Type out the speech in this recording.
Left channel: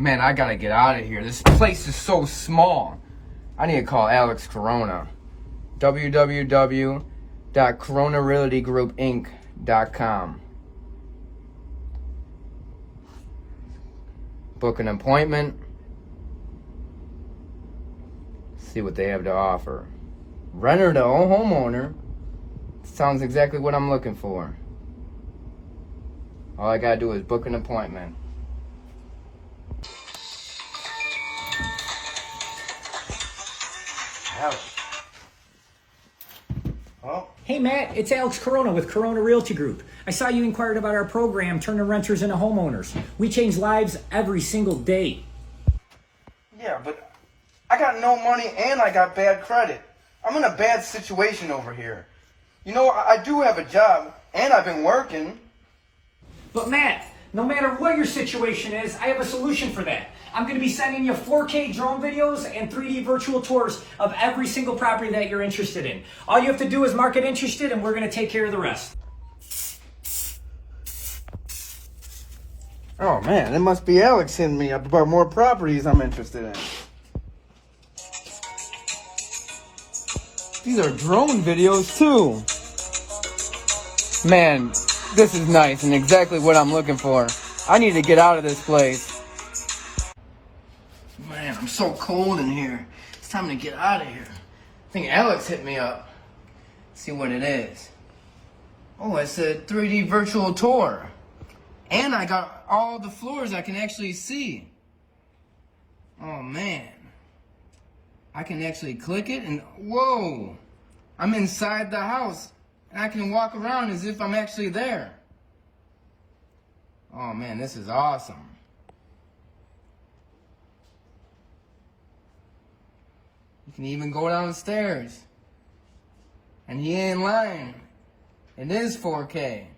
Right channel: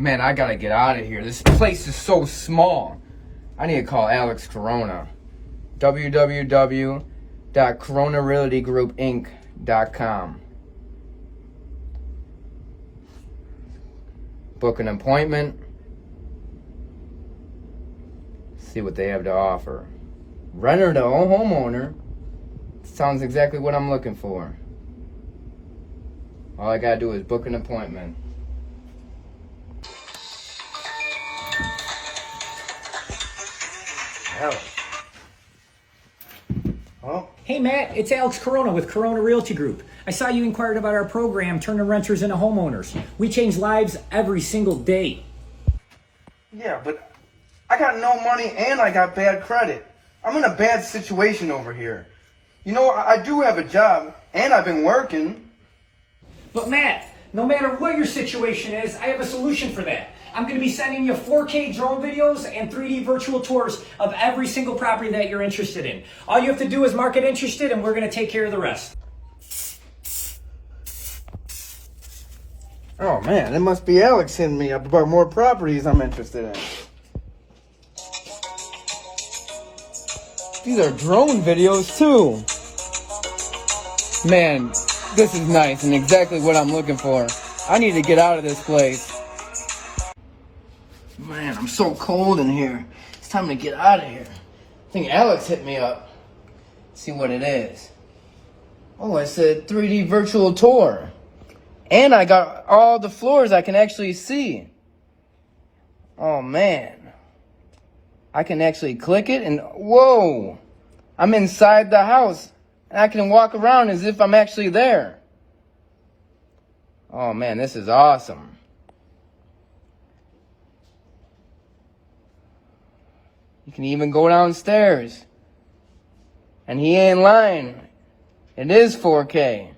Man, I gotta get out of here. This place is so small. I need to call Alex Corona. www.coronarealtygroupinc.com. Book an appointment. See what they have to offer. Renter to homeowner. Sounds exactly what I'm looking for. All I gotta do is book an appointment. Oh. Hey Matt, it's Alex Corona with Corona Realty Group. I saw you inquired about our program, Turning Renters into Homeowners. We change lives every single day. Yeah, but I got no money and I got bad credit. I'm in a bad situation over here. You know, I do have a job and I've been working. But Matt, no matter what your situation is, I have a solution for that. I'm going to be sending you 4K drone videos and 3D virtual tours of every single property that you're interested in. All you have to do is mark it interested and we're going to take care of the rest. Oh man, it must be Alex hitting me up about more properties I'm interested in. These are drone videos too. Man, this is nice and exactly what I'm looking for. I need to get out of this place. Man, I'm so cold in here. It's time to get out of here. I think Alex hit me up. See what it is. Oh, it's a 3D virtual tour. And I got all the floors I can actually see. Oh man. I can actually click it and whoa. I'm inside the house. And I can walk around as if I'm actually there. Oh man, this is awesome. You can even go downstairs. And he ain't lying. It is 4K.